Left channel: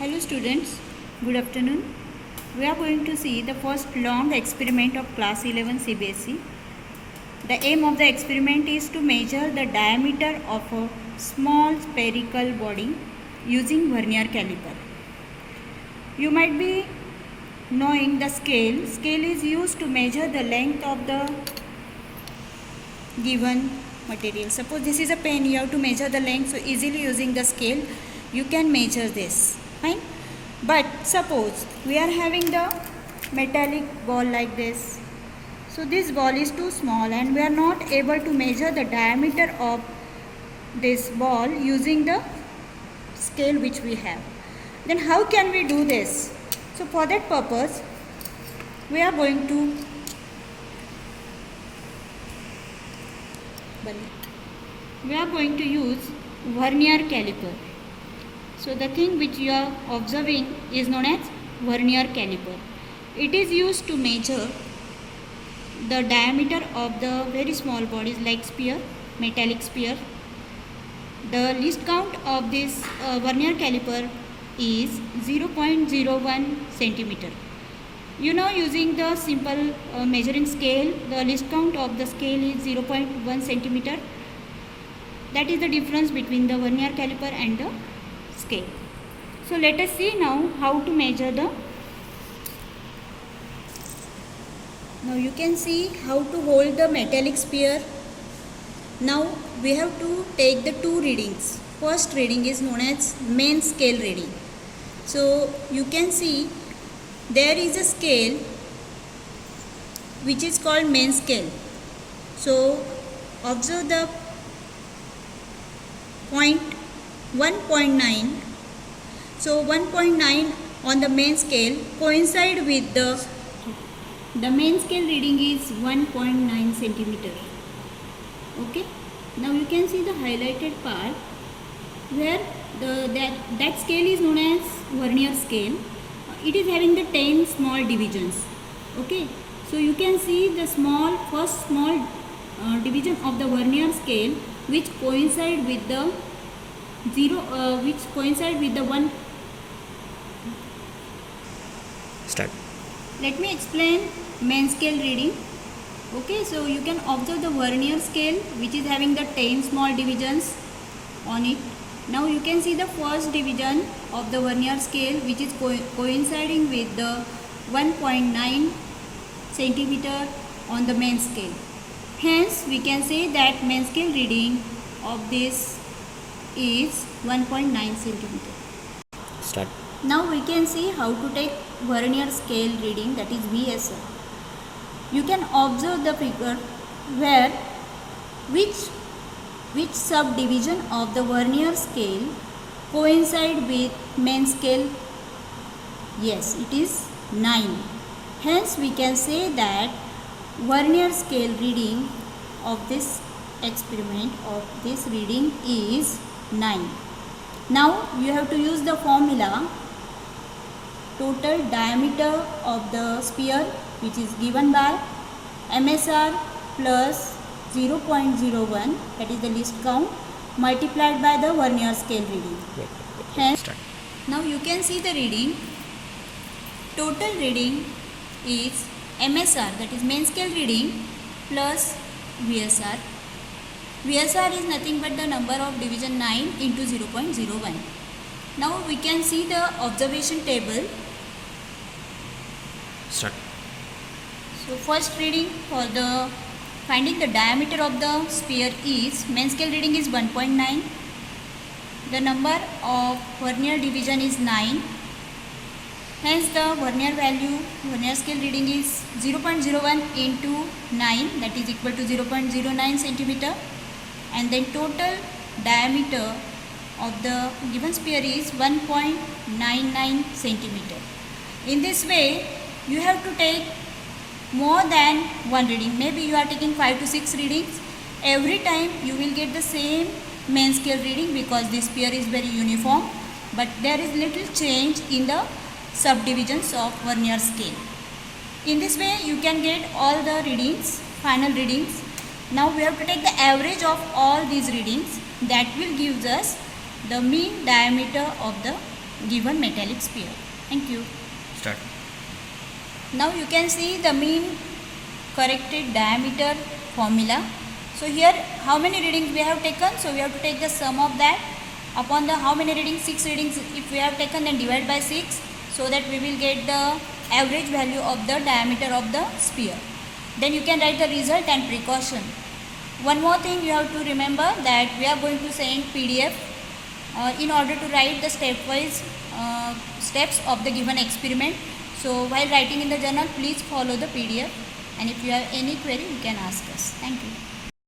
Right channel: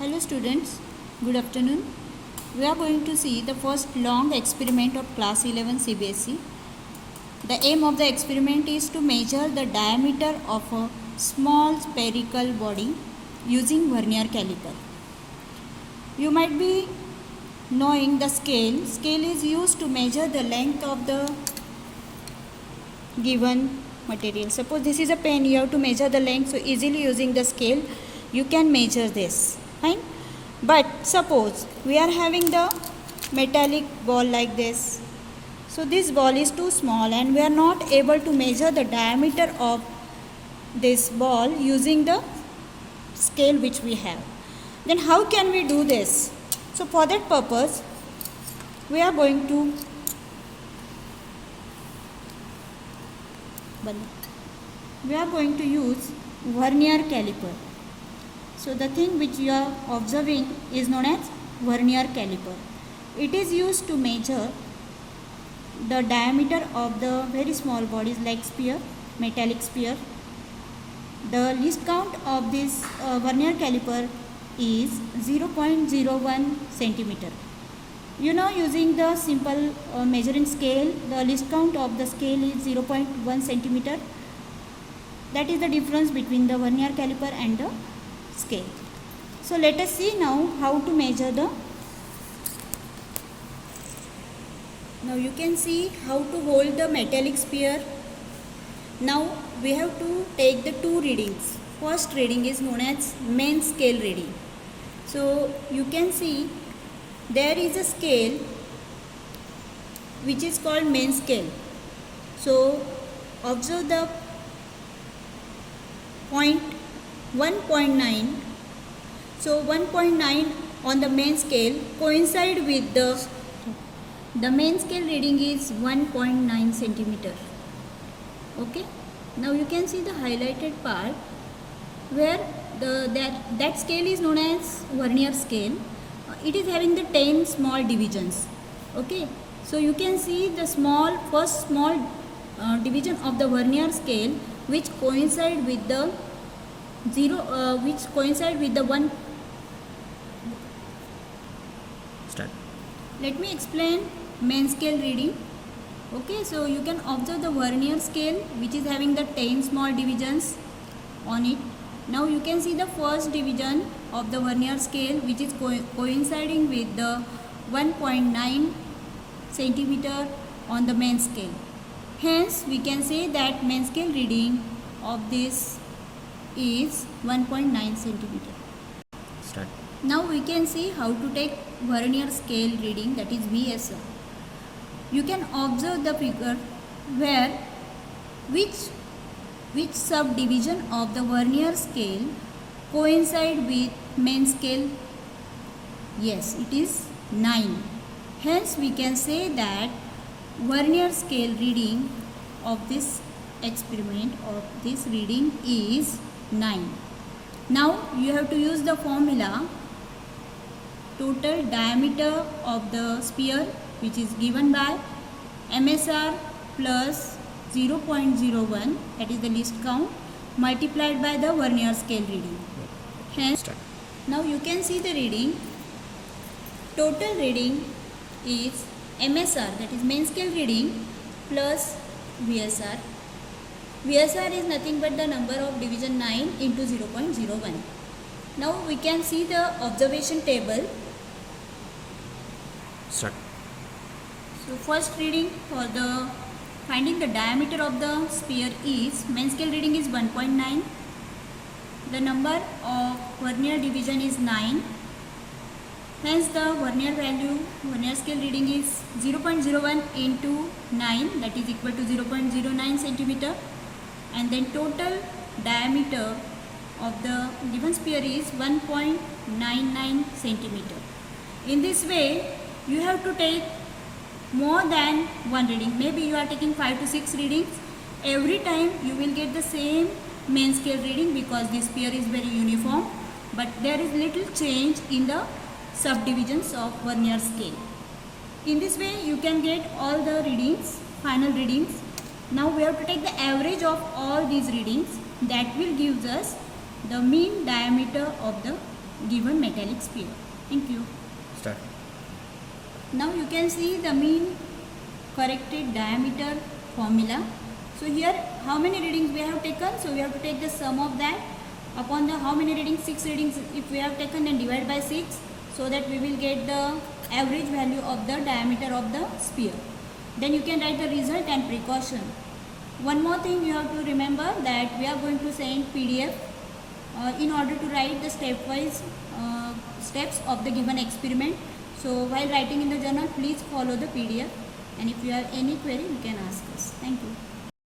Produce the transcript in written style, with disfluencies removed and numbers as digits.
Hello students, good afternoon. We are going to see the first long experiment of class 11 CBSE. The aim of the experiment is to measure the diameter of a small spherical body using vernier caliper. You might be knowing the scale. Scale is used to measure the length of the given material. Suppose this is a pen, you have to measure the length, so easily using the scale you can measure this. Fine. But suppose we are having the metallic ball like this. So this ball is too small and we are not able to measure the diameter of this ball using the scale which we have. Then how can we do this? So for that purpose we are going to use vernier caliper. So the thing which you are observing is known as vernier caliper. It is used to measure the diameter of the very small bodies like sphere, metallic sphere. The least count of this vernier caliper is 0.01 centimeter. You know, using the simple measuring scale, the least count of the scale is 0.1 centimeter. That is the difference between the vernier caliper and the scale. So let us see now how to measure the. Now you can see how to hold the metallic sphere. Now we have to take the two readings. First reading is known as main scale reading. So you can see there is a scale which is called main scale. So observe the point 1.9. So 1.9 on the main scale coincide with the main scale reading is 1.9 centimeter. Okay. Now you can see the highlighted part where that scale is known as vernier scale. It is having the 10 small divisions. Okay. So you can see the first small division of the vernier scale which coincide with the 1. Start. Let me explain main scale reading. Okay, so you can observe the vernier scale which is having the 10 small divisions on it. Now you can see the first division of the vernier scale which is coinciding with the 1.9 centimeter on the main scale. Hence we can say that main scale reading of this is 1.9 centimeter. Start. Now we can see how to take vernier scale reading, that is VSR. You can observe the figure where which subdivision of the vernier scale coincide with main scale. Yes, it is 9. Hence we can say that vernier scale reading of this experiment of this reading is 9. Now you have to use the formula total diameter of the sphere which is given by MSR plus 0.01, that is the least count, multiplied by the vernier scale reading. Hence, now you can see the reading. Total reading is MSR, that is main scale reading, plus VSR. VSR is nothing but the number of division 9 into 0.01. Now we can see the observation table. Start. So first reading for the finding the diameter of the sphere is main scale reading is 1.9. The number of vernier division is 9. Hence the vernier scale reading is 0.01 into 9, that is equal to 0.09 centimeter. And then total diameter of the given sphere is 1.99 centimeter. In this way you have to take more than one reading. Maybe you are taking 5 to 6 readings. Every time you will get the same main scale reading because this sphere is very uniform, but there is little change in the subdivisions of vernier scale. In this way you can get all the readings, final readings. Now we have to take the average of all these readings. That will give us the mean diameter of the given metallic sphere. Thank you. Start. Now you can see the mean corrected diameter formula. So here how many readings we have taken? So we have to take the sum of that upon the how many readings? 6 readings if we have taken, then divide by 6, so that we will get the average value of the diameter of the sphere. Then you can write the result and precaution. One more thing you have to remember, that we are going to send PDF in order to write the stepwise steps of the given experiment. So while writing in the journal, please follow the PDF, and if you have any query you can ask us. Thank you.